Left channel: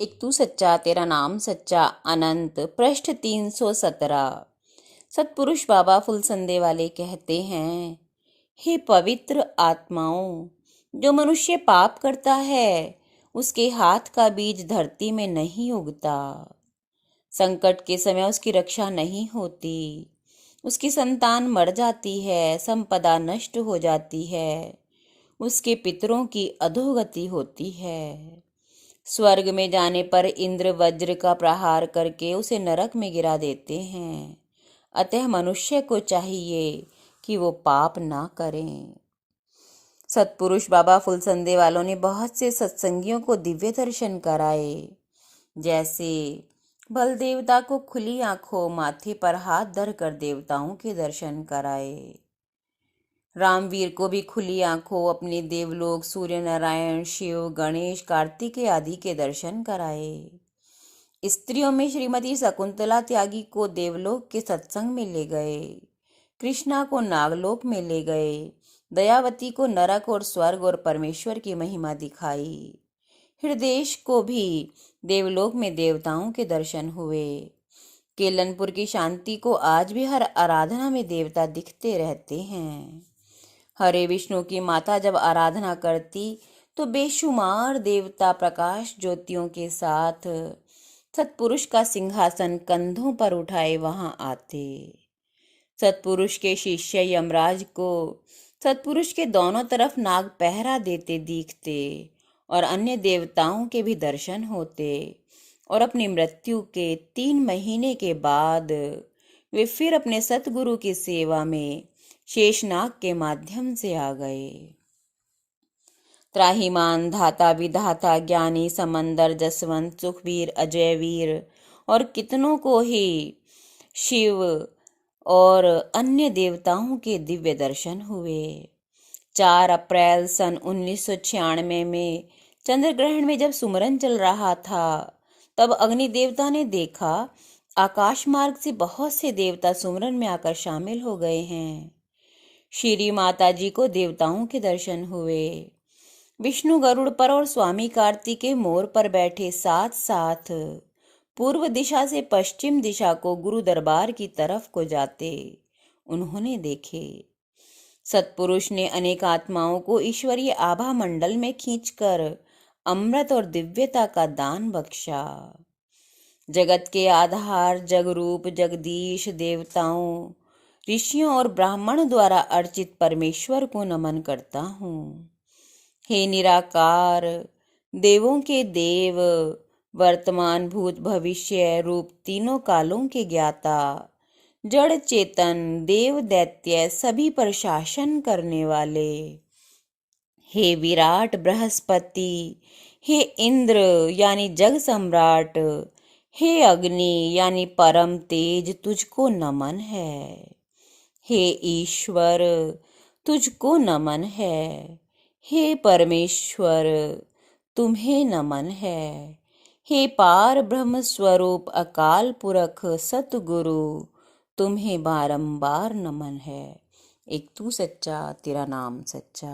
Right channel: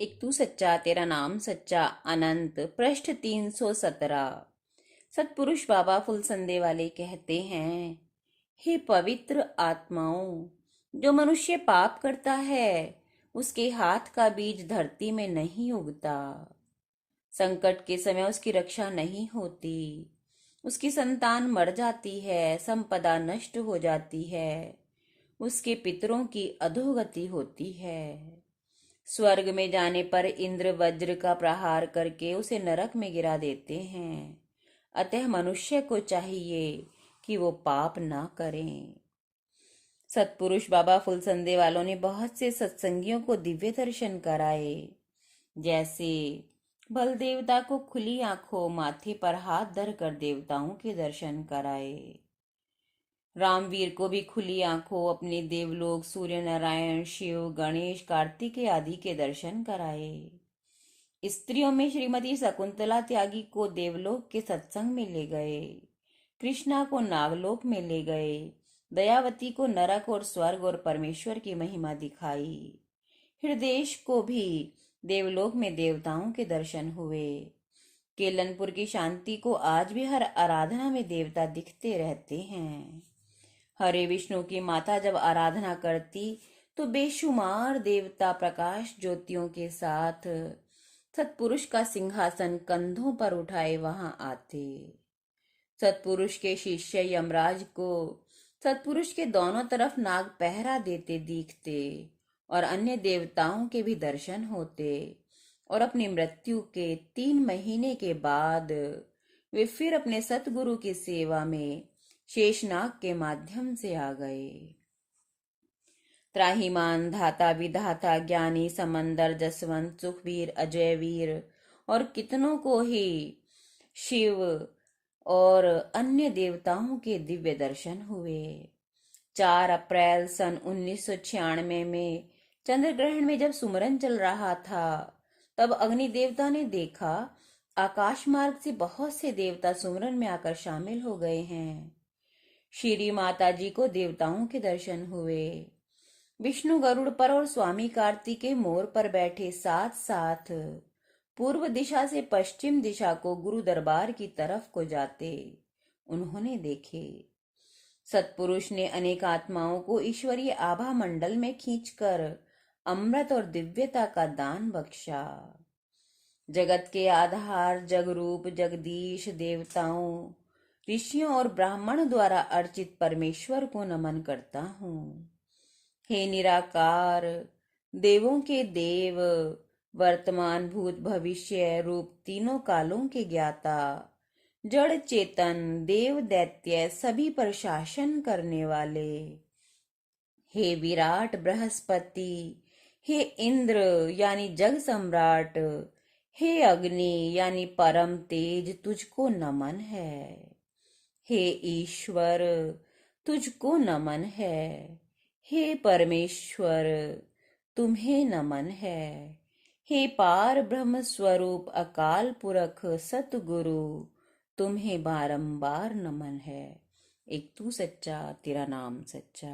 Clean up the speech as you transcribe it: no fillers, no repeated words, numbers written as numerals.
एक तू सच्चा तेरा नाम सच्चा अनंत पृष्ठ 317। सतपुरुष बाबा फुलसंदे वाले कहते हैं, हे पवित्र आत्माओं, जो मनुष्य पाप करता है उसके हाथ का बीज धरती में नहीं उगता। संकट के समय उसकी रक्षा नहीं होती, उसकी संतान मर जाती है, संपदा नष्ट हो जाती है, उसके पितरों की अधोगति होती है। स्वर्ग में जाने पर इंद्र वज्र का प्रहार करके उसे नरक में गिरा देते हैं। अतः मनुष्य को चाहिए कि वो पाप ना करें। सतपुरुष बाबा फुलसंदे वालों ने बहुत से सत्संगियों को दिव्य दर्शन कराए। जैसे बल देवता को खुली आंखों माथे पर हाथ धर कर देवताओं के दर्शन कराए। रामवीर को भी खुली आंखों अपने देवलोक सूर्य नारायण शिव गणेश कार्तिकेय आदि के दर्शन कराए। स्त्रियों में श्रीमती शकुंतला त्यागी को देवलोक के सत्संग में ले गए, कृष्णा को नागलोक में ले गए, दयावती को नरक और स्वर्ग और परमेश्वर की महिमा दिखाई। हृदयेश को भी देवलोक में देवताओं के दर्शन हुए। केलनपुर की शांति को आज भी हर आराधना में देवता दिखते रहते हैं। हरे विष्णु की माता जब आराधना करती तो बेशुमार देवता प्रकाश ज्योतियों के साथ सतपुरुष का सिंहासन कंधों पर उठाए वहां आते। सतपुरुष के शिष्य यमराज को सतपुरुष के दोनों तरफ नाग पहरा देते दिखते और अन्य देवताओं के भी दर्शन होते और अपनी मृत्यु के 3 महीने के बाद वे फिर अपने सतगुरु की सेवा में शेषनाग के माध्यम से आ गए। त्राहिमाम धाता विधाता ज्ञानी समंदर जसवंत सुखवीर अजयवीर और कितनों को ही शिव और अन्य देवताओं के दिव्य दर्शन हुए। 4 अप्रैल सन 1996 में चंद्र ग्रहण में जब सुमरन चल रहा था तब अग्नि देवता ने देखा आकाश मार्ग से बहुत से देवता सुमरन में आकर शामिल हो गए हैं। श्री माता जी को देवताओं के दर्शन हुए। विष्णु गरुड़ पर और स्वामी कार्तिकेय मोर पर बैठे साथ साथ पूर्व दिशा से पश्चिम दिशा को गुरु दरबार की तरफ को जाते उन्होंने देखे। सतपुरुष ने अनेक आत्माओं को ईश्वरीय आभा मंडल में खींचकर अमृत और दिव्यता का दान बख्शा। जगत के आधार जगरूप जगदीश देवताओं ऋषियों और ब्राह्मण द्वारा अर्चित परमेश्वर को नमन करता हूँ। हे निराकार देवों के देव वर्तमान भूत भविष्य रूप तीनों कालों के ज्ञाता जड़ चेतन देव दैत्य सभी पर शासन करने वाले, हे विराट बृहस्पति, हे इंद्र यानी जग सम्राट, हे अग्नि यानी परम तेज तुझको नमन है। हे ईश्वर तुझको नमन है। हे परमेश्वर तुम्हें नमन है। हे पार ब्रह्म स्वरूप अकाल पुरख सतगुरु तुम्हें बारंबार नमन है। एक तू सच्चा तेरा नाम सच्चा।